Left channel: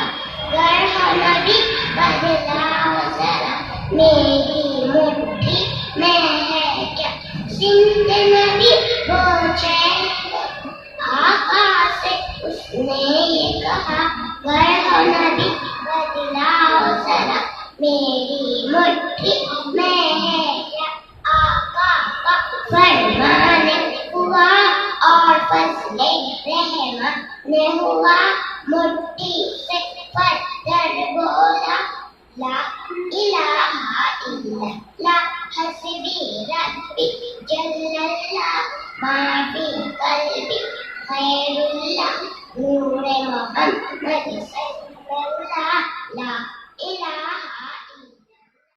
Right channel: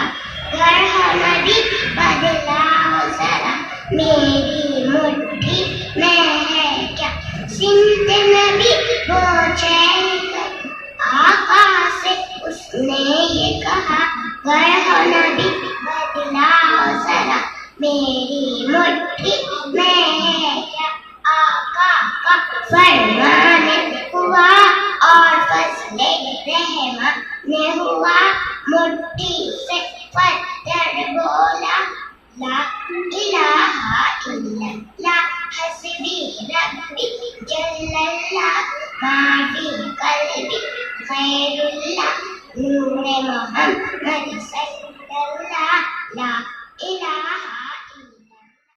कहा, गर हो नबी बदलाओ जरा, मेरी मुट्ठी में है क्या सिंध नबी वो चैन कर। आका से उसने ये कहा, गर हो नबी बदलाओ जरा, मेरी मुट्ठी में है क्या आका का फरमान।